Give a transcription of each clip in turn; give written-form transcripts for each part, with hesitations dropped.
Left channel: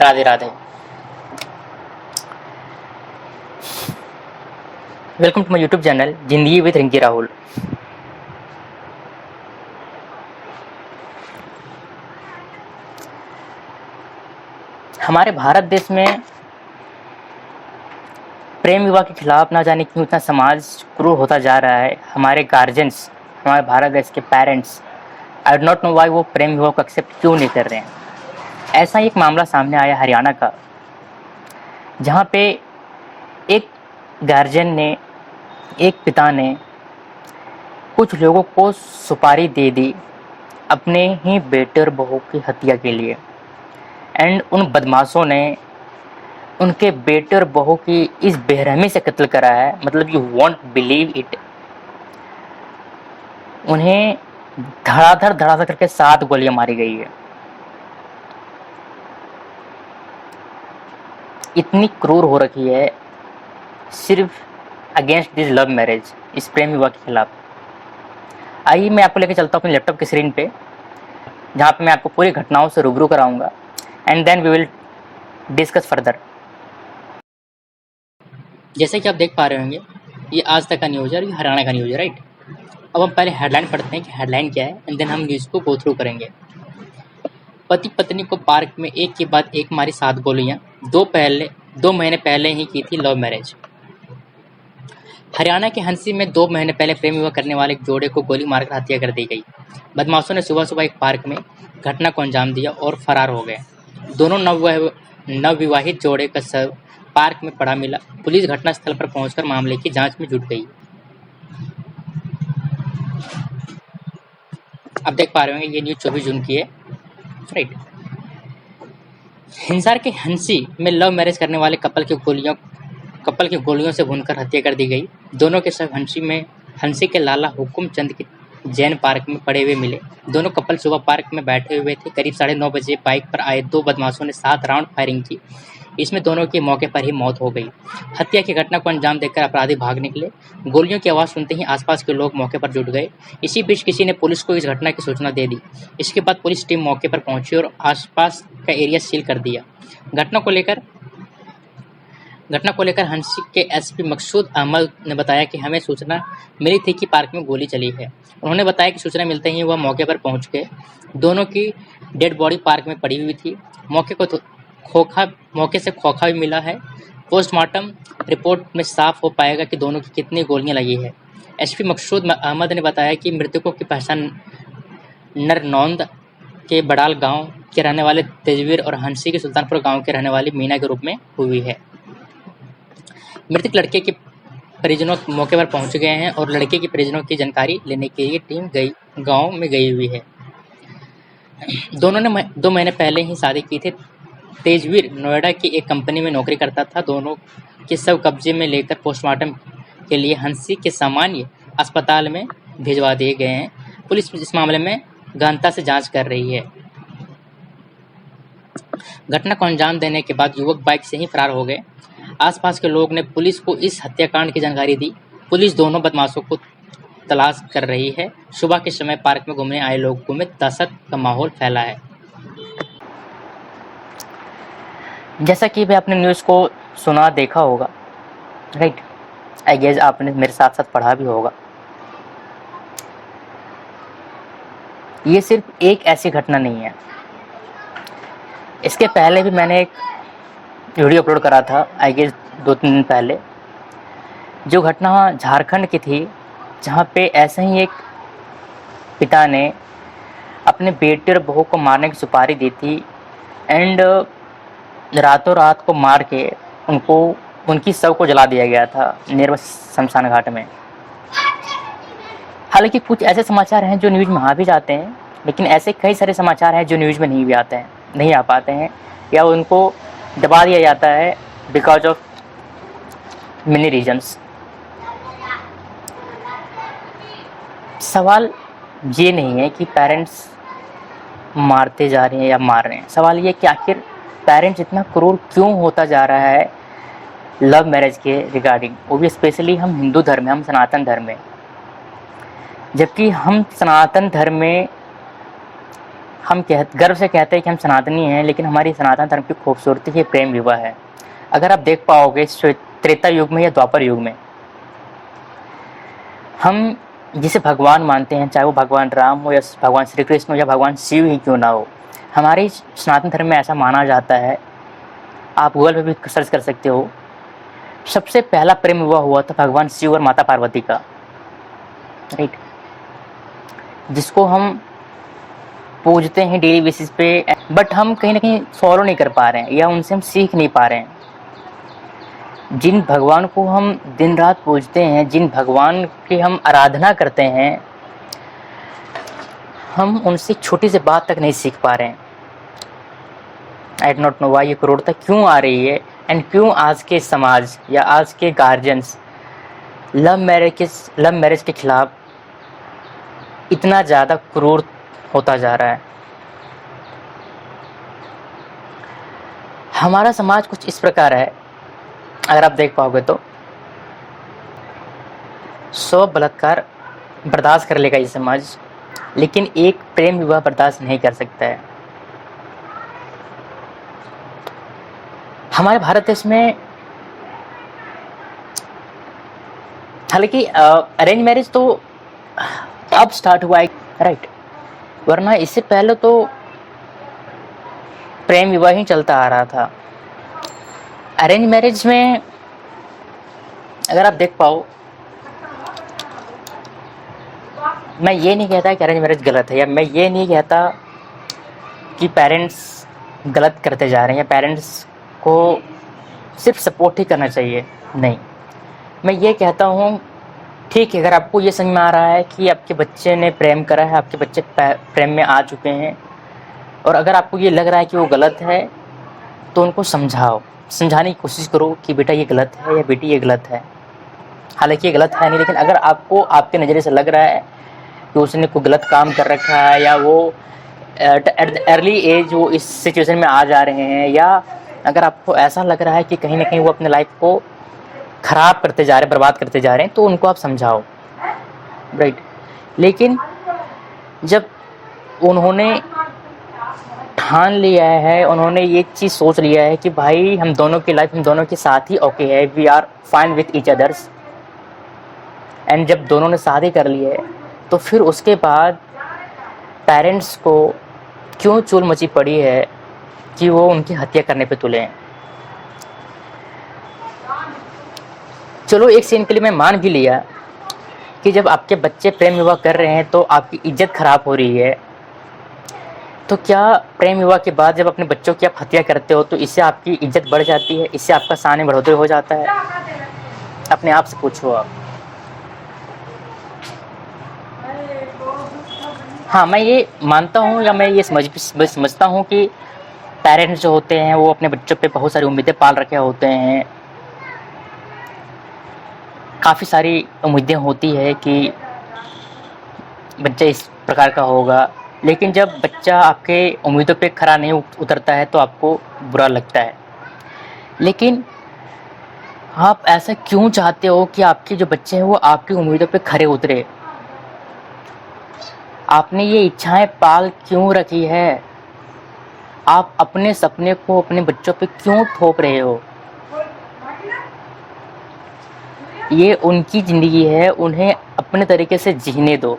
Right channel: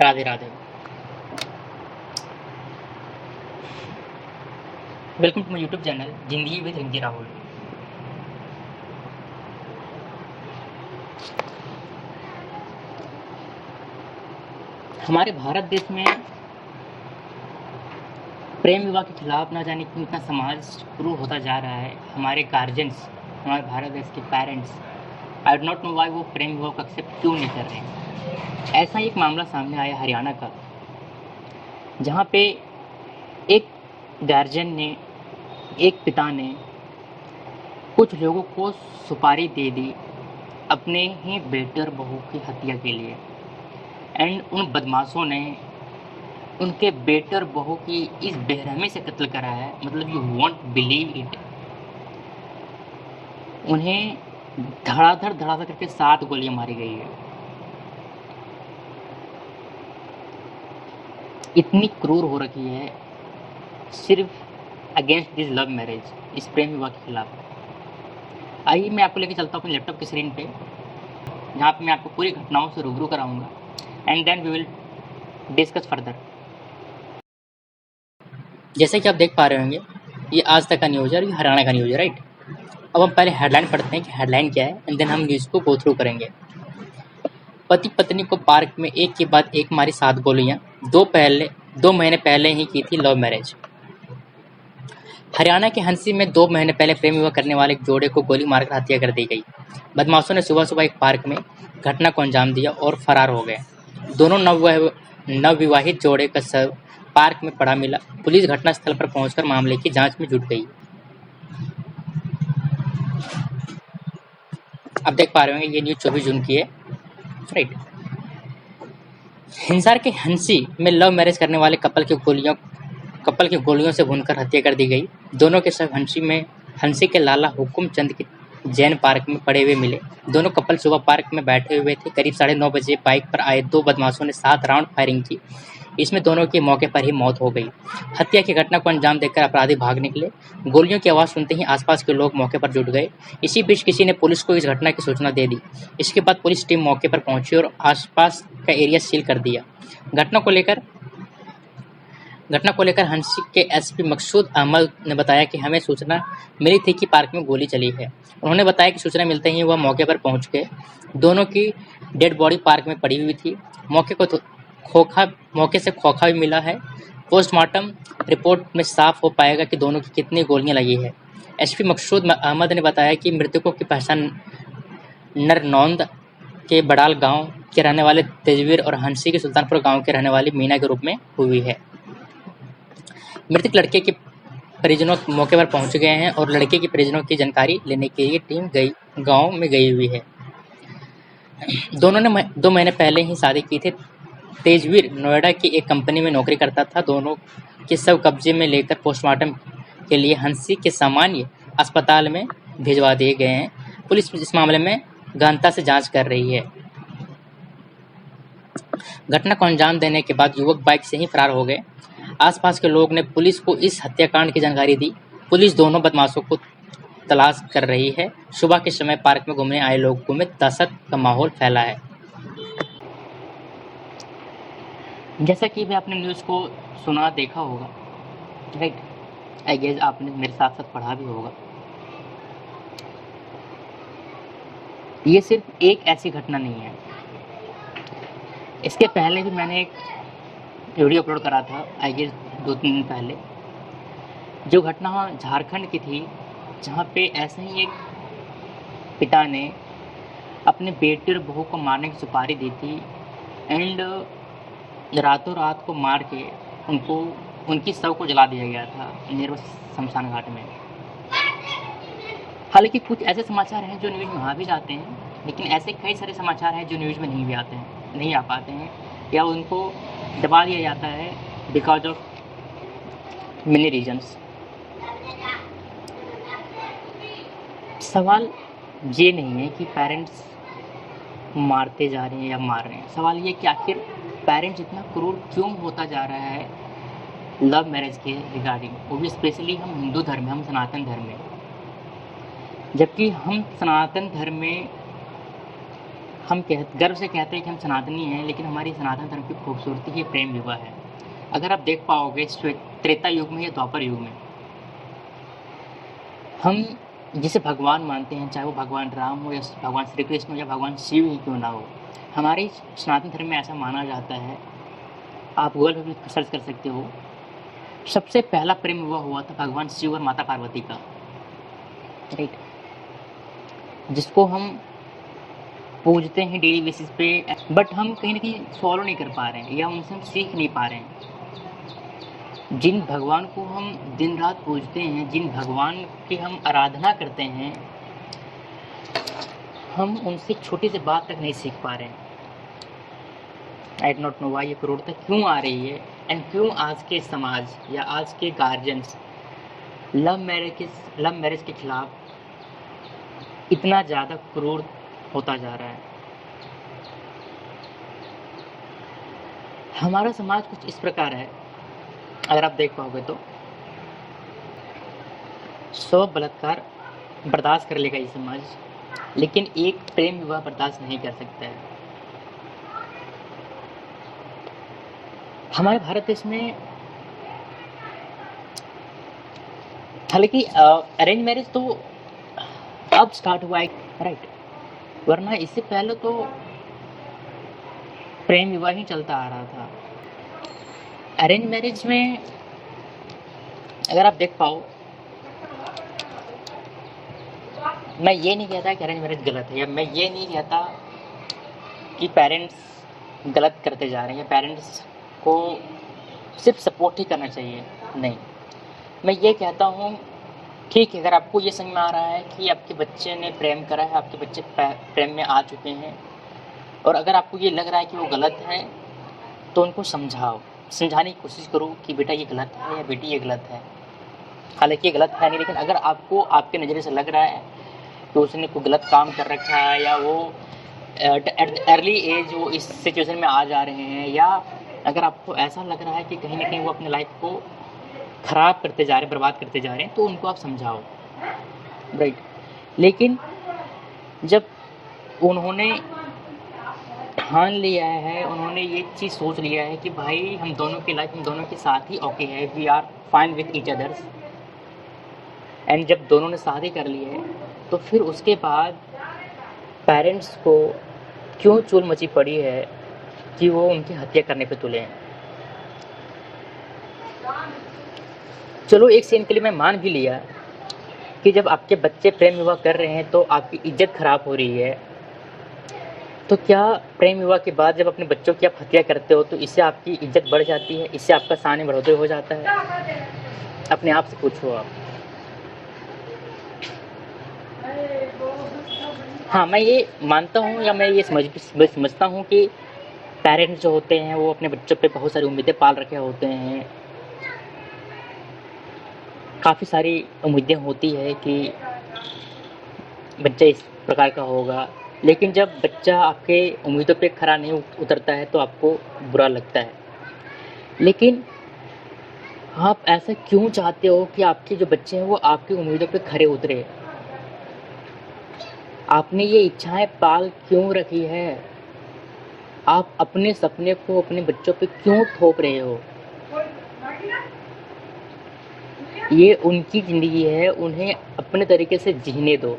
Radhe Radhe. Welcome to my YouTube channel Zindagi with Rinki Rahul. हमारे भारत देश में प्रेम विवाह के खिलाफ ना जाने क्यों इतना समाज क्रूर होता जा रहा है। हमारे गार्जियंस, हमारे भारत देश के parents, I do not know why वो प्रेम विवाह को एक्सेप्ट क्यों नहीं कर रहे हैं। ऐसा ही एक मामला सामने आया हरियाणा का, जहाँ पे एक गार्जियन ने, एक पिता ने कुछ लोगों को सुपारी दे दी अपने ही बेटे और बहू की हत्या के लिए। एंड उन बदमाशों ने उनके बेटे और बहू की इस बेरहमी से कत्ल करा है, मतलब यू वॉन्ट बिलीव इट। उन्हें धड़ाधड़ धड़ाधड़ करके 7 गोलियां मारी गई है। इतनी क्रूर हो रखी है सिर्फ अगेंस्ट दिस लव मैरिज, इस प्रेम विवाह के खिलाफ। आइए मैं आपको लेकर चलता हूँ अपने लैपटॉप की स्क्रीन पे, जहाँ पे मैं आपको पूरी घटनाओं से रूबरू कराऊंगा and then we will discuss further. जैसे कि आप देख पा रहे होंगे, ये आज तक का न्यूज़ है और ये हरियाणा का न्यूज़ है, राइट। अब हम पहले हेडलाइन पढ़ते हैं कि हेडलाइन क्या है एंड देन हम न्यूज़ को गो थ्रू करेंगे। पति पत्नी को पार्क में एक के बाद एक मारी 7 गोलियां, 2 महीने पहले ही की थी लव मैरिज। हरियाणा के हंसी में 2 महीने पहले प्रेम विवाह करने वाले एक जोड़े को गोली मारकर हत्या कर दी गई। बदमाशों ने सुबह सुबह एक पार्क में घटना को अंजाम दिया और फरार हो गए। दोनों नवविवाहित जोड़े का शव पार्क में पड़ा मिला। पुलिस घटनास्थल पर पहुंचकर मामले की जांच में जुट गई। आप देख पा रहे होंगे ये न्यूज़ 24 जून की है, राइट। हिंसार के हंसी में लव मैरिज करने वाले कपल की गोलियों से भूनकर हत्या कर दी गई। दोनों के शव हंसी के लाला हुकुम चंद के जैन पार्क में पड़े हुए मिले। दोनों कपल सुबह पार्क में बैठे हुए थे। करीब 9:30 बजे बाइक पर आए 2 बदमाशों ने 7 राउंड फायरिंग की। इसमें दोनों की मौके पर ही मौत हो गई। हत्या की घटना को अंजाम देकर अपराधी भाग निकले। गोलियों की आवाज़ सुनते ही आसपास के लोग मौके पर जुट गए। इसी बीच किसी ने पुलिस को इस घटना की सूचना दे दी। इसके बाद पुलिस टीम मौके पर पहुंची और आसपास का एरिया सील कर दिया। घटना को लेकर हंसी के एसपी मकसूद अहमद ने बताया कि हमें सूचना मिली थी कि पार्क में गोली चली है। उन्होंने बताया कि सूचना मिलते ही वह मौके पर पहुंच गए। दोनों की डेड बॉडी पार्क में पड़ी हुई थी। मौके से खोखा भी मिला है। पोस्टमार्टम रिपोर्ट में साफ हो पाएगा कि दोनों की कितनी गोलियां लगी है। एसपी मकसूद अहमद ने बताया कि मृतकों की पहचान नरनौंद के बड़ाल गांव के रहने वाले तेजवीर और हंसी के सुल्तानपुर गांव के रहने वाली मीना के रूप में हुई है। मृतक लड़के के परिजनों मौके पर पहुंच गए हैं और लड़के के परिजनों की जानकारी लेने के लिए टीम गांव में गई हुई है। दोनों ने 2 महीने पहले ही शादी की थी। तेजवीर नोएडा की एक कंपनी में नौकरी करता था। दोनों के शव कब्जे में लेकर पोस्टमार्टम के लिए हंसी के सामान्य अस्पताल में भिजवा दिए गए हैं। पुलिस इस मामले में गहनता से जांच कर रही है। घटना को अंजाम देने के बाद युवक बाइक से ही फरार हो गए। आसपास के लोग ने पुलिस को इस हत्याकांड की जानकारी दी। पुलिस दोनों बदमाशों को तलाश कर रही है। सुबह के समय पार्क में घूमने आए लोगों में दहशत का माहौल फैला है। जैसा कि भी आपने न्यूज़ को सुना, देखा होगा, राइट। आई गेस आपने मेरे साथ साथ पढ़ा भी होगा। ये सिर्फ एक ऐसी घटना नहीं है। इसके पहले भी मैंने एक वीडियो अपलोड करा था, आई गेस 2-3 दिन पहले, जो घटना झारखंड की थी, जहाँ पे ऐसे ही एक पिता ने अपने बेटे और बहू को मारने की सुपारी दी थी एंड रातों रात को मार के उनकी शव को जला दिया गया था नियर शमशान घाट में। हालांकि कुछ ऐसे समाचार हैं जो न्यूज़ में आ भी जाते हैं, लेकिन ऐसे कई सारे समाचार हैं जो न्यूज़ में नहीं आ पाते हैं या उनको दबा दिया जाता है बिकॉज ऑफ मेनी रीजन्स। सवाल ये नहीं है कि पेरेंट्स मारते जा रहे हैं या मार रहे हैं। सवाल ये कि आखिर पेरेंट्स इतना क्रूर क्यों होता जा रहा है लव मैरिज के रिगार्डिंग, वो भी स्पेशली हम हिंदू धर्म में, हम सनातन धर्म में। जबकि हम सनातन धर्म में हम गर्व से कहते हैं कि हम सनातनी हैं, लेकिन हमारी सनातन धर्म की खूबसूरती ही प्रेम विवाह है। अगर आप देख पाओगे त्रेता युग में या द्वापर युग में, हम जिसे भगवान मानते हैं, चाहे वो भगवान राम हो या भगवान श्री कृष्ण हो या भगवान शिव ही क्यों ना हो, हमारे सनातन धर्म में ऐसा माना जाता है, आप गूगल पे भी सर्च कर सकते हो, सबसे पहला प्रेम विवाह हुआ था भगवान शिव और माता पार्वती का, राइट, जिसको हम पूजते हैं डेली बेसिस पे, बट हम कहीं ना कहीं फॉलो नहीं कर पा रहे हैं या उनसे हम सीख नहीं पा रहे हैं। जिन भगवान को हम दिन रात पूजते हैं, जिन भगवान की हम आराधना करते हैं, हम उनसे छोटी सी बात तक नहीं सीख पा रहे हैं। आई डोंट नो वाई ये क्रूरता क्यों आ रही है, एंड क्यों आज के समाज या आज के गार्जियंस लव मैरिज के खिलाफ इतना ज़्यादा क्रूर होता जा रहा है। हमारा समाज कुछ इस प्रकार है, अगर आप देख पाओगे तो 100 बलात्कार बर्दाश्त कर लेगा ये समाज, लेकिन एक प्रेम विवाह बर्दाश्त नहीं कर सकता है। हमारे भारत देश में हालांकि अरेंज मैरिज तो अब स्टार्ट हुआ है, राइट, वरना इससे पहले तो प्रेम विवाह ही चलता आ रहा था। अरेंज मैरिज में अगर आप देख पाओ, मैं ये नहीं कहता कि अरेंज मैरिज गलत है, या मैं ये नहीं कहता कि पेरेंट्स गलत करते जा रहे हैं या पेरेंट्स को सिर्फ सपोर्ट ही करना चाहिए, नहीं, मैं ये कहता हूँ ठीक है, अगर आपको ये समझ में आ रहा है कि आपके बच्चे ने प्रेम करा है, आपके बच्चे प्रेम में आ चुके हैं, और अगर आपको ये लग रहा है कि वो गलत है, तो उनको समझाने की कोशिश करो कि बेटा ये गलत है या बेटी ये गलत है। हालांकि ये गलत है नहीं, लेकिन अगर आपको आपके नज़रिए से लग रहा है कि उसने कोई गलत काम कर रखा है, या वो एट अर्ली एज वो इस सिचुएशन में आ जा रहे हैं, या अगर आपको ऐसा लग रहा है कि कहीं ना कहीं वो अपने लाइफ को ख़राब करते जा रहे हैं, बर्बाद करते जा रहे हैं, तो उनको आप समझाओ, राइट। लेकिन जब उन्होंने ठान लिया है, उन्होंने ये चीज़ सोच लिया है कि भाई हम दोनों की लाइफ हम दोनों के साथ ही ओके है, we are fine with each others, and जब दोनों ने शादी कर ली है, तो फिर उसके बाद पेरेंट्स को क्यों चूल मची पड़ी है कि वो उनकी हत्या करने पे तुले हैं। चलो एक सीन के लिए मैं मान भी लिया कि जब आपके बच्चे प्रेम विवाह कर रहे हैं तो आपकी इज्जत खराब हो रही है, तो क्या प्रेम विवाह के बाद जब अपने बच्चों की आप हत्या करते हो तो इससे आपकी इज्जत बढ़ जाती है, इससे आपका शान में बढ़ोतरी हो जाता है? अपने आप से पूछो आप। हाँ, मैं ये मानता हूँ या मैं ये समझता हूँ कि पेरेंट्स जो होते हैं वो अपने बच्चों पे बहुत सारी उम्मीदें पाल रखे होते हैं, काफ़ी सारी उम्मीदें होती है कि बच्चा इस प्रकार का होगा, लेकिन जब बच्चा आपके उम्मीदों पे खरा नहीं उतरता है तो आपको बुरा लगता है। लेकिन आप ऐसा क्यों चाहते हो कि आपके जो बच्चे हैं वो आपकी उम्मीदों पे खरे उतरे? आपने ये इच्छाएं पाल क्यों रखी है? आप अपने सपने को अपने बच्चों पे क्यों थोप रहे हो? ये उनकी ज़िंदगी है, उन्हें अपने तरीके से जीने दो।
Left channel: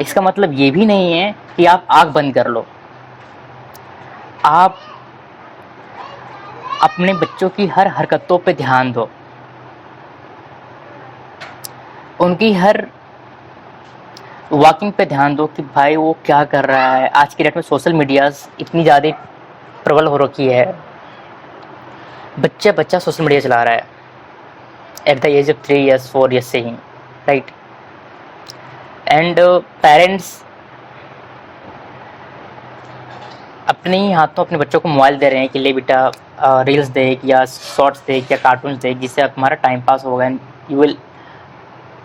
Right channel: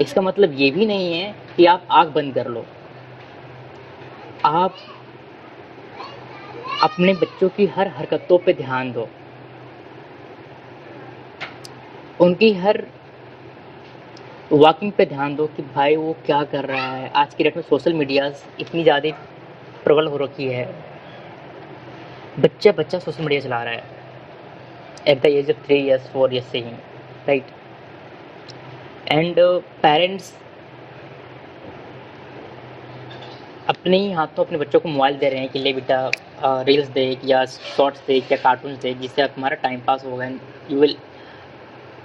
इसका मतलब ये भी नहीं है कि आप आँख बंद कर लो। आप अपने बच्चों की हर हरकतों पे ध्यान दो, उनकी हर वॉकिंग पे ध्यान दो कि भाई वो क्या कर रहा है। आज की डेट में सोशल मीडियाज़ इतनी ज़्यादा प्रबल हो रखी है, बच्चा सोशल मीडिया चला रहा है at the age of 3 years 4 years से ही, राइट। एंड पेरेंट्स अपने ही हाथों अपने बच्चों को मोबाइल दे रहे हैं कि ले बेटा रील्स देख या शॉर्ट्स देख या कार्टून्स देख, जिससे तुम्हारा टाइम पास होगा and you will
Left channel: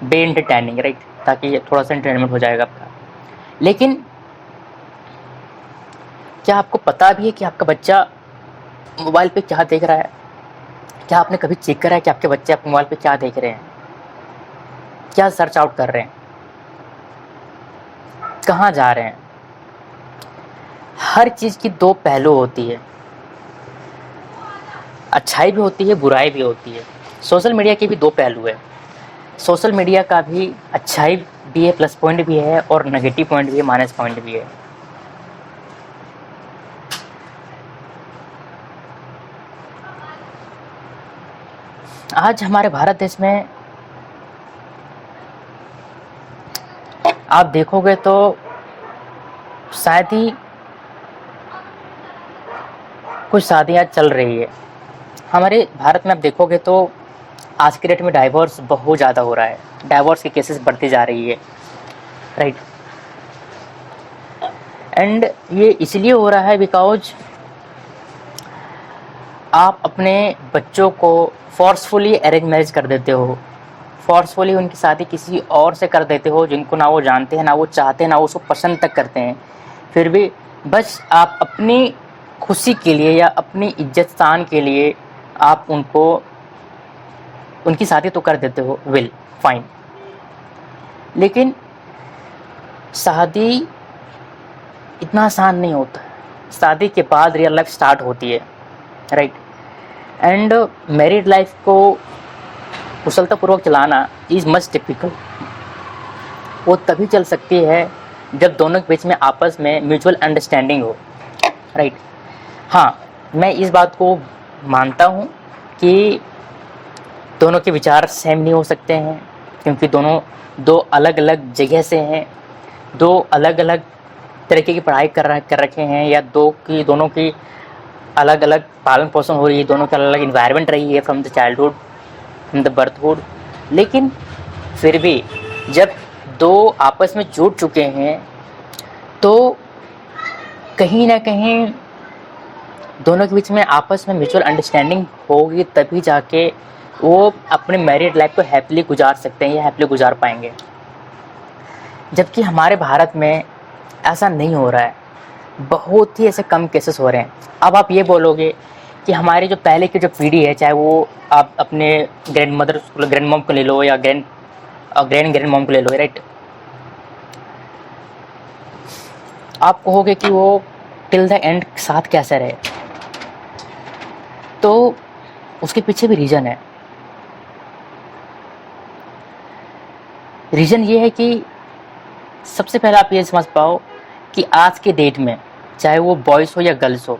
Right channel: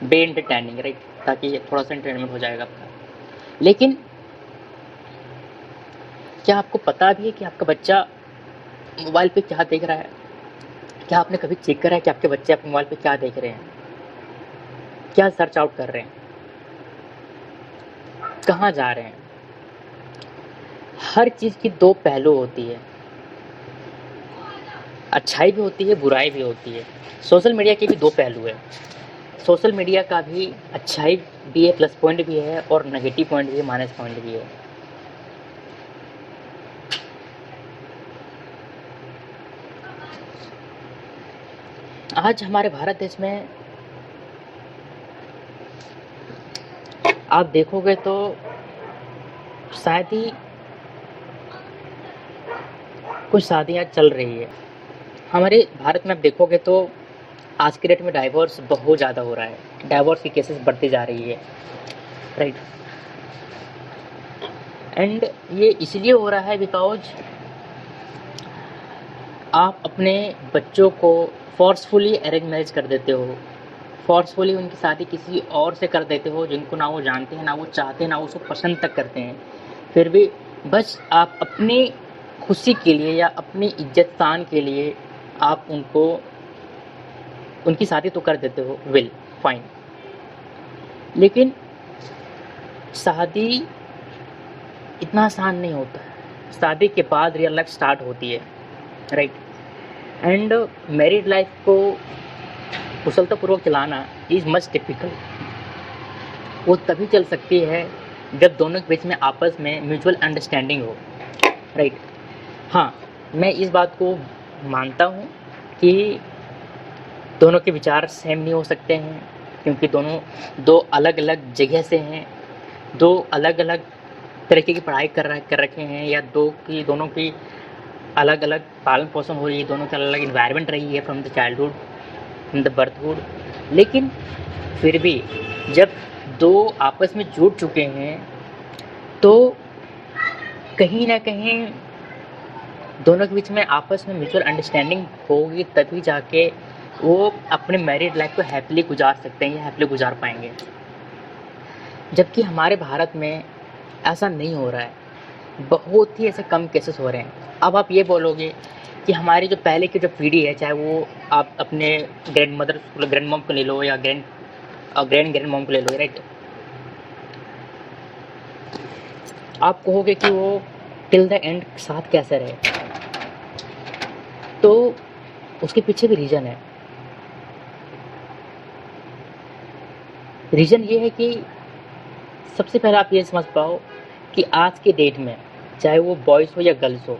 be entertaining, right, ताकि थोड़ा सा एंटरटेनमेंट हो जाएगा आपका। लेकिन क्या आपको पता भी है कि आपका बच्चा मोबाइल पे क्या देख रहा है? क्या आपने कभी चेक करा है कि आपके बच्चे आपके मोबाइल पे क्या देख रहे हैं, क्या सर्च आउट कर रहे हैं? कहाँ जा रहे हैं। हर चीज़ की दो पहलू होती है, अच्छाई भी होती है, बुराई भी होती है। सोशल मीडिया के भी दो पहलू है। सोशल मीडिया का भी अच्छाई भी है, प्लस पॉइंट भी है, और नेगेटिव पॉइंट भी है, माइनस पॉइंट भी है। आज हमारे भारत देश में आप देखोगे तो शायद ही कुछ शादियाँ चल रही है। हमारे भारत में आप देखोगे तो आज के डेट में डाइवोर्स बहुत ज़्यादा हो रहा है, डाइवोर्स की केसेस बढ़ती जा रही है, राइट। एंड ये इसलिए हो रहा है बिकॉज आप अपने बच्चों को फोर्सफुली अरेंज मैरिज कर देते हो, फोर्सफुली उनकी शादी किसी और से कर देते हो जिनको ना वो जानते हैं, ना वो चाहते हैं, ना वो उसको पसंद तक करते हैं। फिर भी बस आप अपनी खुशी के लिए या अपनी इज्जत शान के लिए आप उनको उनकी शादी तो कर देते हो, विल फाइन। लेकिन शादी इतना आसान नहीं होता। शादी के बाद रियल लाइफ स्टार्ट होती है, राइट। एंड मैरिड लाइफ को कुशलतापूर्वक चलाना इज़ मच डिफिकल्ट। वो तभी चल सकती है जब दोनों के बीच में आपस में म्यूचुअल अंडरस्टैंडिंग हो, राइट। हाँ, मैं इस बात को मानता हूँ कि दोनों के विचार सेम नहीं हो सकते हैं, क्योंकि दोनों दो अलग अलग जगह से हैं, दो अलग अलग तरीके की पढ़ाई कर रखे हैं, या दोनों की अलग अलग पालन पोषण हो रही है, दोनों की अलग अलग इन्वायरमेंट रही है from the childhood, from the birthhood. लेकिन फिर भी जब दो आपस में जुड़ चुके हैं तो कहीं ना कहीं दोनों के बीच में आपस में म्यूचुअल अंडरस्टैंडिंग होगी, तभी जाके वो अपने मैरिड लाइफ को हैप्पीली गुजार सकते हैं या हैप्पीली गुजार पाएंगे। जबकि हमारे भारत में ऐसा नहीं हो रहा है, बहुत ही ऐसे कम केसेस हो रहे हैं। अब आप ये बोलोगे कि हमारी जो पहले की जो पीढ़ी है, चाहे वो आप अपने ग्रैंड मदर ग्रैंड मॉम को ले लो या ग्रैंड मॉम को ले लो, राइट। आप कहोगे कि वो टिल द एंड साथ कैसे रहे, तो उसके पीछे भी रीज़न है। रीज़न ये है कि सबसे पहले आप ये समझ पाओ कि आज के डेट में चाहे वो बॉयज़ हो या गर्ल्स हो,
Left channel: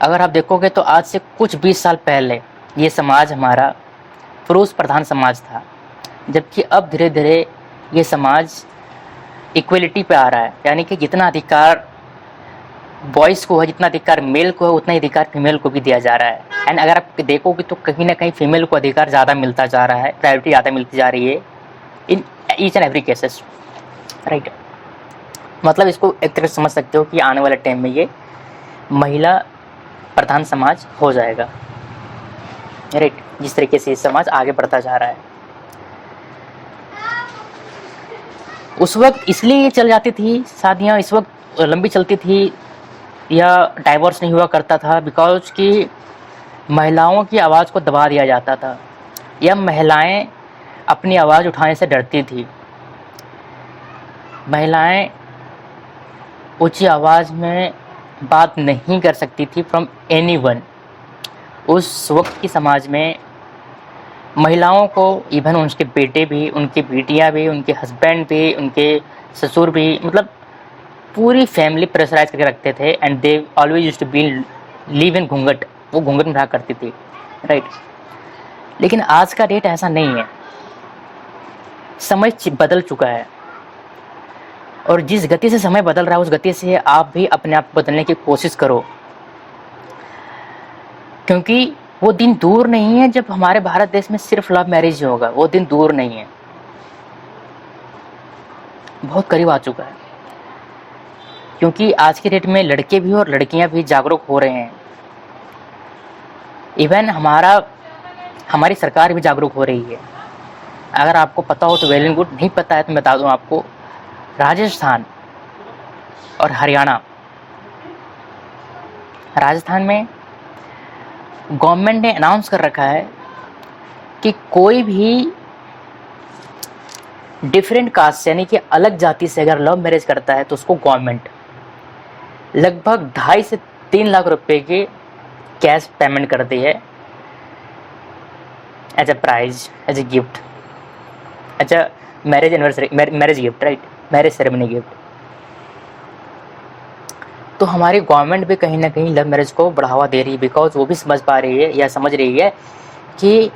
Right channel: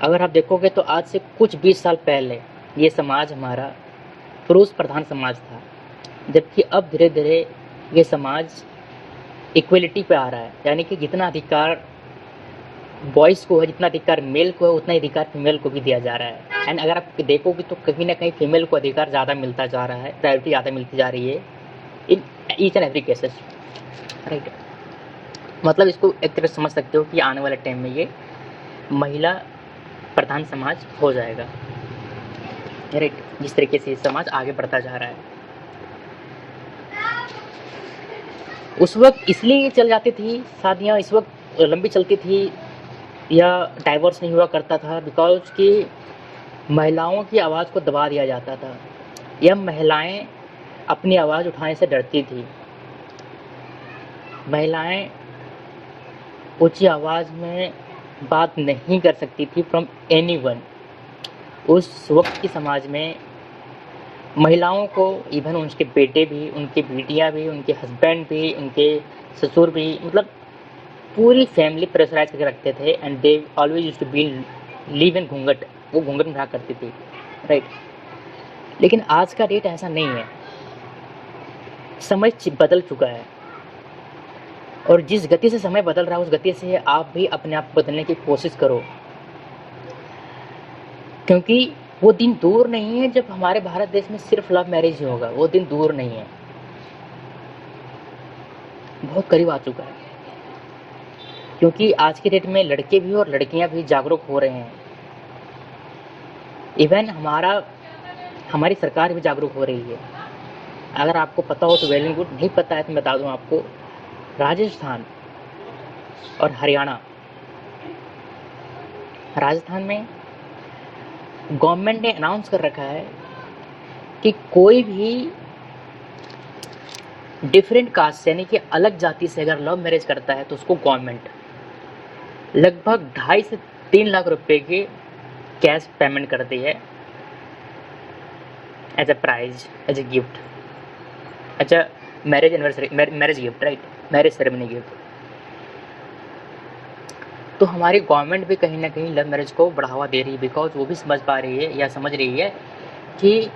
अगर आप देखोगे तो आज से कुछ 20 साल पहले ये समाज हमारा पुरुष प्रधान समाज था, जबकि अब धीरे धीरे ये समाज इक्वलिटी पे आ रहा है। यानी कि जितना अधिकार बॉयज़ को है, जितना अधिकार मेल को है, उतना ही अधिकार फीमेल को भी दिया जा रहा है। एंड अगर आप देखोगे तो कहीं ना कहीं फीमेल को अधिकार ज़्यादा मिलता जा रहा है, प्रायोरिटी ज़्यादा मिलती जा रही है in each and every cases, right. मतलब इसको एक तरह से समझ सकते हो कि आने वाले टाइम में ये महिला प्रधान समाज हो जाएगा, राइट। जिस तरीके से ये समाज आगे बढ़ता जा रहा है, उस वक्त इसलिए ये चल जाती थी शादियाँ, इस वक्त लंबी चलती थी या डाइवोर्स नहीं हुआ करता था, बिकॉज कि महिलाओं की आवाज़ को दबा दिया जाता था, या महिलाएं अपनी आवाज़ उठाने से डरती थी। महिलाएं ऊंची आवाज़ में बात नहीं कर सकती थी फ्रॉम एनीवन। उस वक्त की समाज में महिलाओं को इवन उनके बेटे भी, उनकी बेटियां भी, उनके हस्बैंड भी, उनके ससुर भी, मतलब पूरी फैमिली प्रेशराइज करके रखते थे। And they always used to be live in ghoonghat, वो घूंघट में रहा करती थी, राइट। लेकिन आज का डेट ऐसा नहीं है, समय बदल चुका है, और जिस गति से समय बदल रहा है उस गति से आप भी अपने आप को बदलने की कोशिश करो, क्योंकि वो दिन दूर नहीं है जब हमारे भारत देश में सिर्फ लव मैरिज ही होगा। वो दिन दूर नहीं है, बहुत करीब आ चुका है, क्योंकि आज की डेट में लड़के भी और लड़कियां भी जागरूक हो रहे हैं। इवन हमारी सरकार भी जागरूक हो रही है। अगर आपको पता हो तो वेल एंड गुड, नहीं पता है तो मैं बता दूं आपको, राजस्थान और हरियाणा, राजस्थान में गवर्नमेंट ने अनाउंस कर रखा है कि कोई भी डिफरेंट कास्ट यानी कि अलग जाति से अगर लव मैरिज करता है तो उसको गवर्नमेंट लगभग 2.5 से 3 लाख रुपए की कैश पेमेंट करती है as a prize, as a gift, as a marriage anniversary, marriage gift, right, marriage ceremony gift. तो हमारी गवर्नमेंट भी कहीं ना कहीं लव मैरिज को बढ़ावा दे रही है, बिकॉज वो भी समझ पा रही है या समझ रही है कि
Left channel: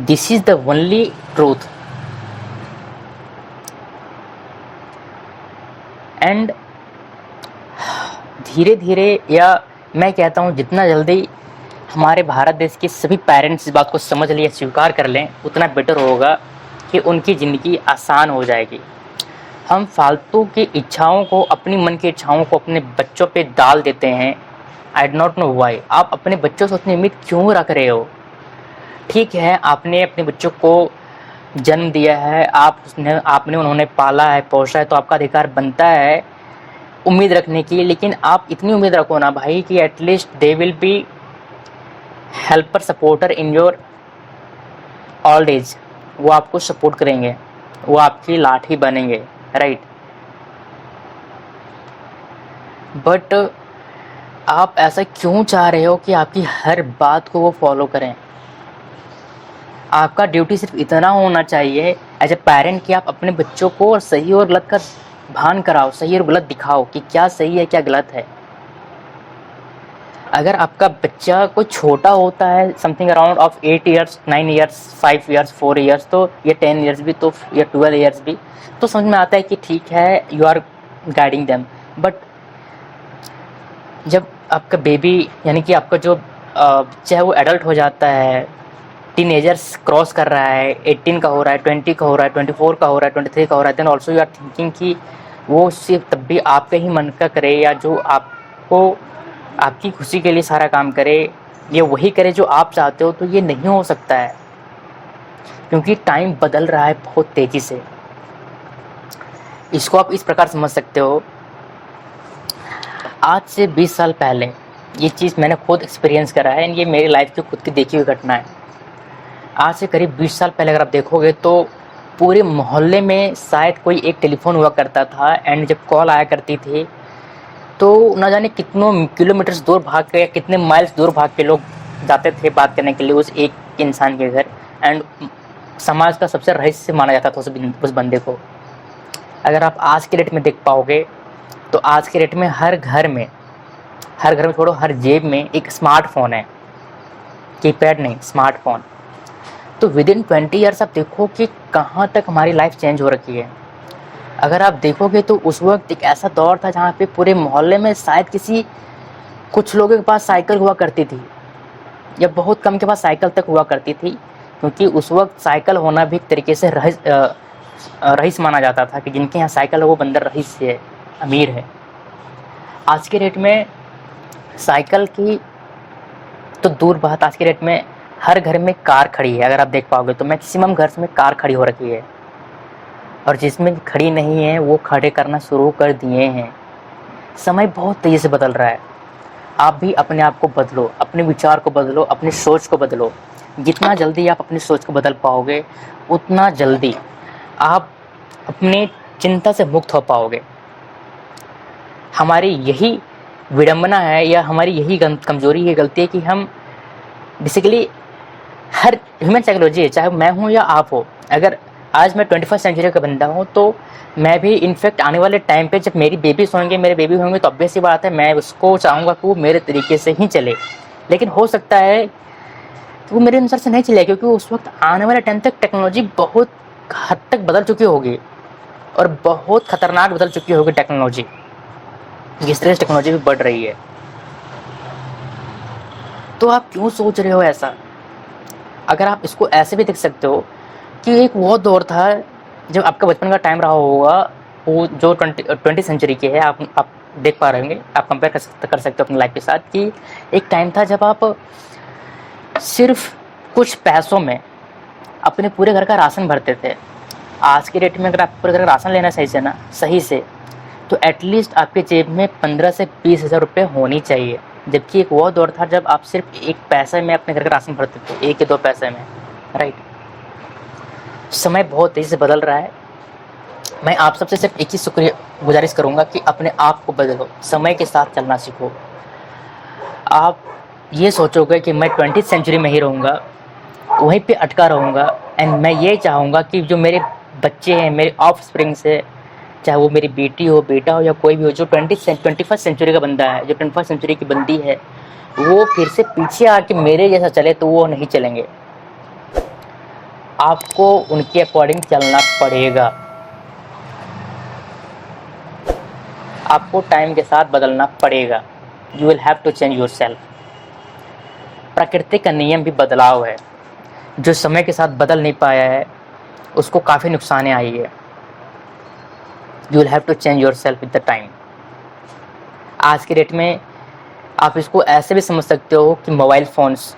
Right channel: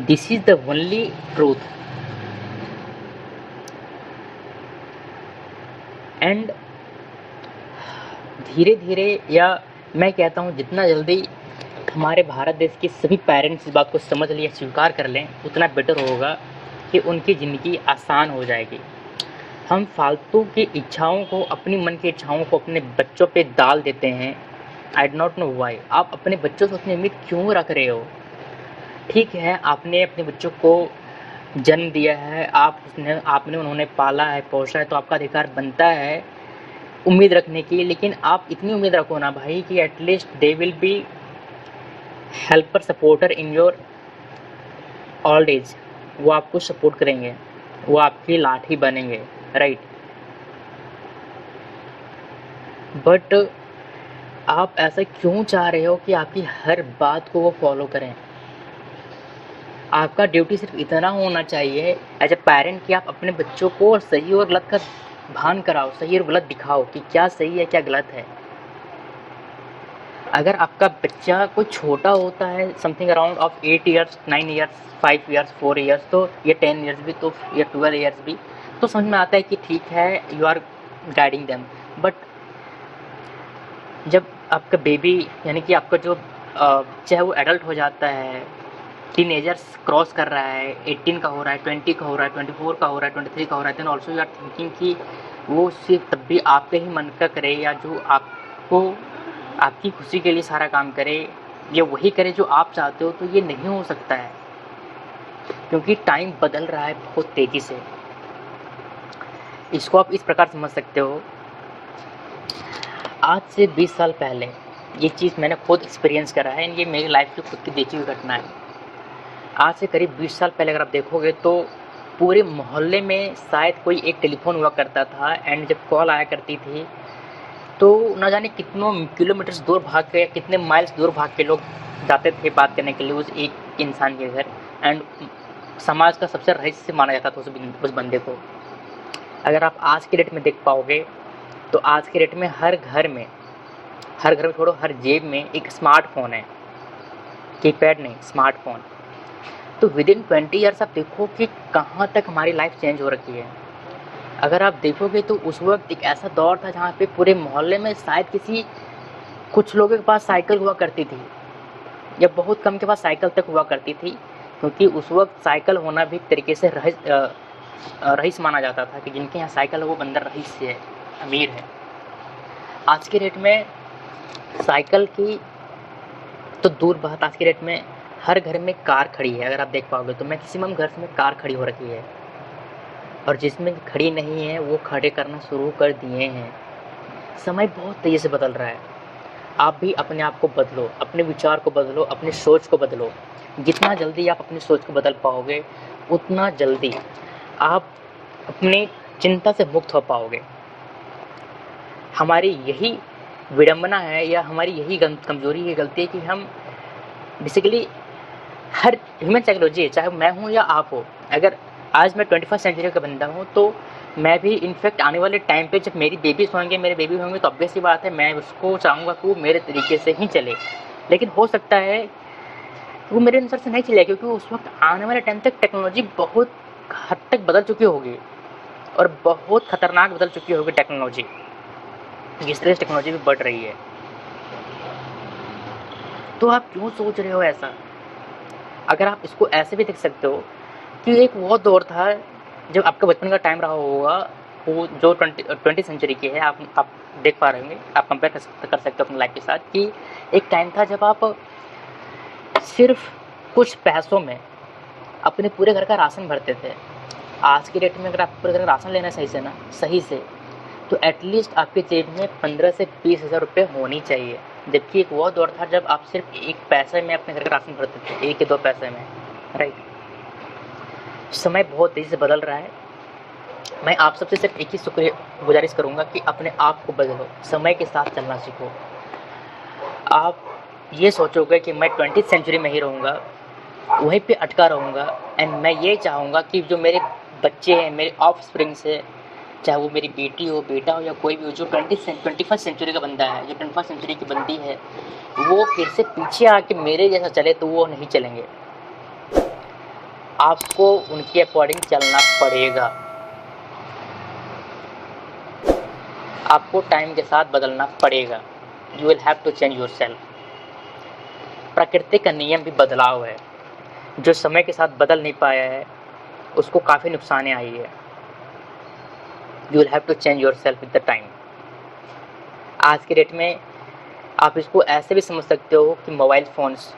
this is the only truth. And धीरे धीरे, या मैं कहता हूँ जितना जल्दी हमारे भारत देश के सभी पेरेंट्स इस बात को समझ लें, स्वीकार कर लें, उतना बेटर होगा कि उनकी ज़िंदगी आसान हो जाएगी। हम फालतू की इच्छाओं को, अपनी मन की इच्छाओं को अपने बच्चों पे डाल देते हैं। I do not know why. आप अपने बच्चों से उतनी उम्मीद क्यों रख रहे हो? ठीक है, आपने अपने बच्चों को जन्म दिया है, आपने उन्होंने पाला है, पोसा है, तो आपका अधिकार बनता है उम्मीद रखने की। लेकिन आप इतनी उम्मीद रखो ना भाई कि at least they will be helper, supporter in your old age. वो आपको सपोर्ट करेंगे, वो आपकी लाठी बनेंगे, राइट। बट आप ऐसा क्यों चाह रहे हो कि आपकी हर बात को वो फॉलो करें? आपका ड्यूटी सिर्फ इतना होना चाहिए एज ए पेरेंट कि आप अपने बच्चों को सही और गलत का भान कराओ, सही और गलत दिखाओ कि क्या सही है क्या गलत है। अगर आपका बच्चा कोई छोटा होता है, something around of 8 years, 9 years, 5 years, 4 years, तो ये 10 ईयर्स भी, तो या 12 ईयर्स भी, तो समझ में आता है कि ठीक है, you are guiding them. But जब आपका बेबी यानी कि आपका जो बच्चा है वो एडल्ट हो जाता है, टीनेजर्स क्रॉस कर रहा है, 18 का हो रहा है, 20 का हो रहा है, 24 का हो रहा है, 23 का हो रहा है, then also you are thinking कि वो सिर्फ तब भी आपके ही मन का करे, या जो आपको आपकी खुशी के लिए सारा काम करे, ये वही करे जो आप चाहते हो। तो ये नहीं हो सकता है, क्योंकि टाइम बदल रहा है बहुत तेज़ी से। इसको आप इस प्रकार समझ सकते हो, आज से 20 साल पहले ये चीज़ मैंने खुद एक्सपीरियंस करा है, ये मेरी लाइफ की खुद की देखी हुई घटना है। आज से करीब 20 साल पहले अगर आप देखोगे तो पूरे मोहल्ले में शायद कोई एक टेलीफोन हुआ करता था, एंड जब कॉल आया करती थी तो न जाने कितनों किलोमीटर्स दूर भाग के या कितने माइल्स दूर भाग के लोग जाते थे बात करने के लिए उस एक इंसान के घर। एंड समाज का सबसे रहस्य माना जाता था उस बंदे को। अगर आप आज के डेट में देख पाओगे तो आज के डेट में हर घर में छोड़ो, हर जेब में एक स्मार्टफोन है, कीपैड नहीं, स्मार्टफोन। तो विद इन 20 ईयर्स आप देखो कि कहाँ तक हमारी लाइफ चेंज हो रखी है। अगर आप देखोगे तो उस वक्त एक ऐसा दौर था जहाँ पे पूरे मोहल्ले में शायद कुछ लोगों के पास साइकिल हुआ करती थी, या बहुत कम के पास साइकिल तक हुआ करती थी, क्योंकि उस वक्त साइकिल होना भी एक तरीके से रईस माना जाता था कि जिनके यहाँ साइकिल है वो बंदा रईस है, अमीर है। आज के डेट में साइकिल की तो दूर बात, आज के डेट में हर घर में कार खड़ी है। अगर आप देख पाओगे तो मैक्सिमम घर में कार खड़ी हो रखी है, और जिसमें खड़ी नहीं है वो खड़े करना शुरू कर दिए हैं। समय बहुत तेज़ी से बदल रहा है। आप भी अपने आप को बदलो, अपने विचार को बदलो, अपनी सोच को बदलो। जितना जल्दी आप अपनी सोच को बदल पाओगे उतना जल्दी आप अपनी चिंता से मुक्त हो पाओगे। हमारी यही विडंबना है, या हमारी यही कमज़ोरी है, गलती है कि हम बेसिकली हर ह्यूमन साइकोलॉजी है, चाहे मैं हूँ या आप हो। अगर आज मैं 21st सेंचुरी का बंदा हूँ तो मैं भी इनफैक्ट आने वाले टाइम पे जब मेरी बेबीज़ होंगे, मेरे बेबी होंगे, तो ऑब्वियस सी बात है मैं उसको चाहूँगा कि वो मेरे तरीके से ही चले। लेकिन हो सकता है कि वो मेरे अनुसार से नहीं चले, क्योंकि उस वक्त आने वाले टाइम तक टेक्नोलॉजी बहुत हद तक बदल चुकी होगी, और बहुत ख़तरनाक बदल चुकी होगी टेक्नोलॉजी, जिस तरह से टेक्नोलॉजी भी बढ़ रही है। तो आप क्यों सोच रहे हो ऐसा? अगर आप इसको ऐसे भी देख सकते हो कि एक वो दौर था जब आपका बचपन का टाइम रहा होगा, वो जो 20 सेंचुरी के है, आप देख पा रहे होंगे, आप कंपेयर कर सकते हो अपनी लाइफ के साथ, कि एक टाइम था जब आप सिर्फ कुछ पैसों में अपने पूरे घर का राशन भरते थे। आज के डेट में अगर आप पूरे घर का राशन लेना सही से तो एटलीस्ट आपके जेब में 15 से 20 हज़ार रुपये होनी चाहिए। जबकि एक वो दौर था जब आप सिर्फ 1 पैसे में अपने घर का राशन भरते थे, 1 या 2 पैसे में, राइट। समय बहुत तेज़ी से बदल रहा है। मैं आप सबसे सिर्फ एक ही शुक्रिया गुजारिश करूँगा कि अपने आप को बदलो, समय के साथ चलना सीखो। आप ये सोचोगे कि मैं 20th सेंचुरी में ही रहूँगा, वहीं पे अटका रहूँगा एंड मैं ये चाहूँगा कि जो मेरे बच्चे हैं, मेरे ऑफ़स्प्रिंग्स है, चाहे वो मेरी बेटी हो, बेटा हो या कोई भी हो, जो 21st सेंचुरी का बंदा है, जो 21st सेंचुरी की बंदी है, वो फिर से पीछे आके मेरे जैसा चले तो वो नहीं चलेंगे। आपको उनके अकॉर्डिंग चलना पड़ेगा। आपको टाइम के साथ बदलना पड़ेगा। You will have to change yourself. प्रकृति का नियम भी बदलाव है। जो समय के साथ बदल नहीं पाया है, उसको काफ़ी नुकसानें आई है। You will have to change yourself with the time. आज के डेट में आप इसको ऐसे भी समझ सकते हो कि मोबाइल फ़ोन्स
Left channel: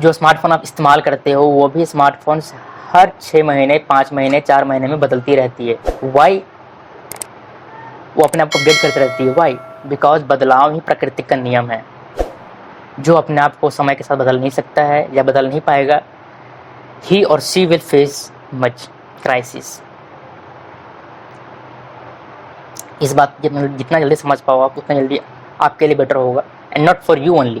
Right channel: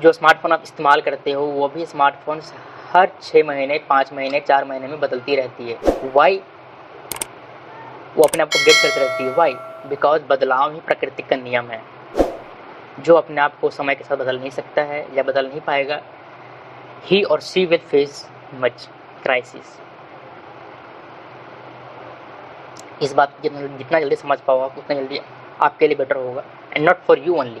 जो स्मार्टफ़ोन आप इस्तेमाल करते हो, वो भी स्मार्टफ़ोन्स हर 6 महीने, 5 महीने, 4 महीने में बदलती रहती है। व्हाई? वो अपने आप को अपडेट करती रहती है। व्हाई? बिकॉज़ बदलाव ही प्रकृति का नियम है। जो अपने आप को समय के साथ बदल नहीं सकता है या बदल नहीं पाएगा, ही और she will face much crisis. इस बात को जितना जल्दी समझ पाओ आप, उतना जल्दी आपके लिए बेटर होगा and not for you only,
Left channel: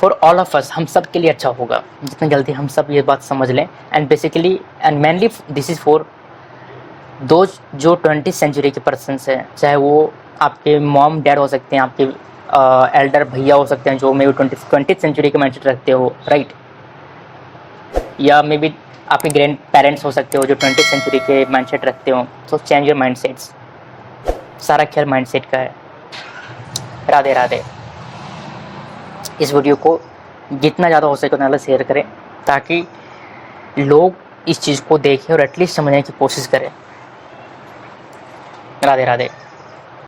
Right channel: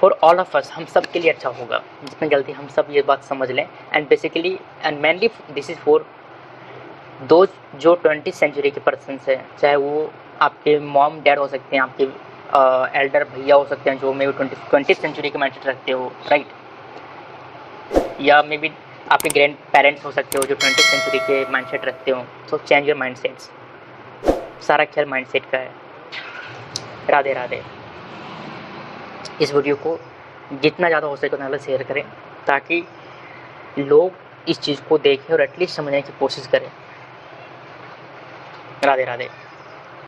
for all of us. हम सब के लिए अच्छा होगा जितना जल्दी हम सब ये बात समझ लें। And basically and mainly this is for those जो 20th सेंचुरी के पर्सन्स हैं, चाहे वो आपके मॉम डैड हो सकते हैं, आपके एल्डर भैया हो सकते हैं जो मे बी 20th सेंचुरी के माइंडसेट रखते हो, राइट? या मे बी आपके ग्रैंड पेरेंट्स हो सकते हो जो 20th सेंचुरी के माइंडसेट रखते हो। So change your mindsets. सारा खेल माइंडसेट का है। राधे राधे। इस वीडियो को जितना ज़्यादा हो सके उतना ज़्यादा शेयर करें ताकि लोग इस चीज़ को देखें और एटलीस्ट समझने की कोशिश करें। राधे राधे।